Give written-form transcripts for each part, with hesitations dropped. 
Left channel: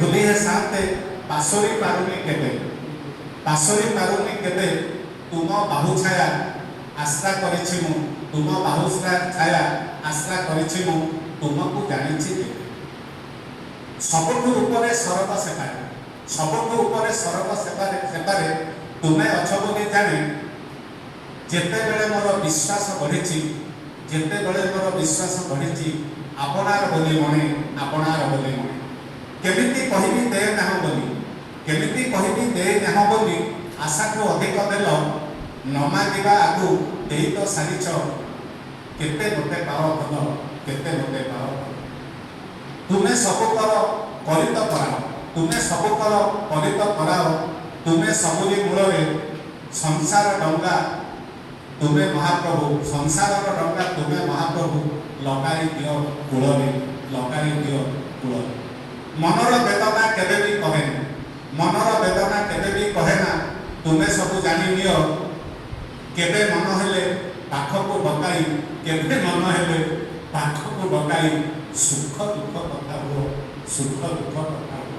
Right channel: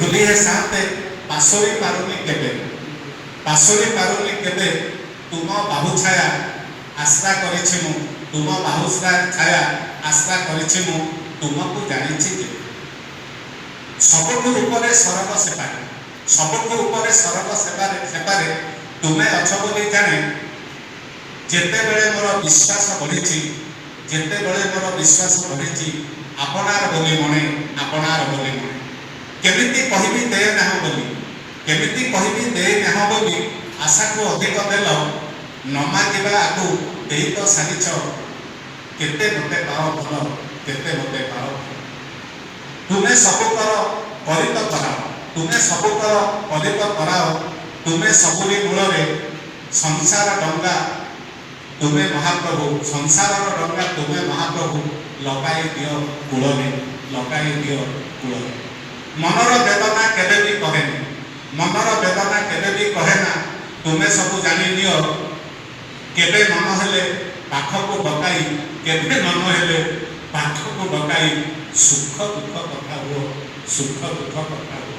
भूली है साथे पासोरी पारुनी केबे पासोरी पारुनी केबे तुम बाहु छाया आश्रा करिछि मु तुम बाहु छाया आश्रा करिछि मु तुमको जानिछि जे सबठु ऊपर सरग सेपारे सबठु ऊपर सरग सेपारे तुमे अछ बोली जाने जेते बेले मोर विश्वास बढ़ी जेते बेले मोर विश्वास बढ़ी आपणार बोली मणे आपणार बोली मणे केमिति कहबी दे ना बोली केमिति कहबी दे ना बोली आशा को अधिक देल न मागिबा आगु देई तो सारिछ केते मते पाओ भल केते मते पाओ तुमे सब कर परित कराओ तुमे सब कर परित कराओ तुमे सबुली मूल संसार डंगा तुमे महाप्रभु संसार डंगा तुमे महाप्रभु लगाई दियो कूल लगाई दियो कूल मनर वेदना केबे भी कहे मनर वेदना केबे भी कहे ना तुमे सब जानी नियो केबे मन हेले पाख को डकाई केबे मन हेले पाख को डकाई सुख दुख कथा हो सुख दुख कथा हो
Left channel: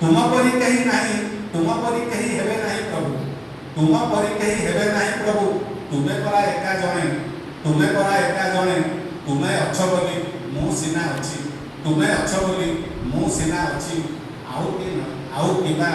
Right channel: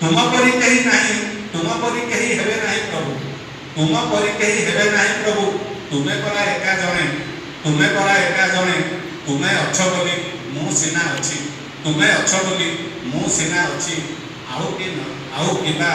तुम परी कहीं नहीं तुम परी कहीं हेबे नहीं प्रभु तुम परी कहीं हेबे नहीं प्रभु तुमे परा एका जणे तुमे परा एका जणे तुमे अछ बोली मु सिना अछि तुमे अछ बोली मु सिना अछि आउ किबा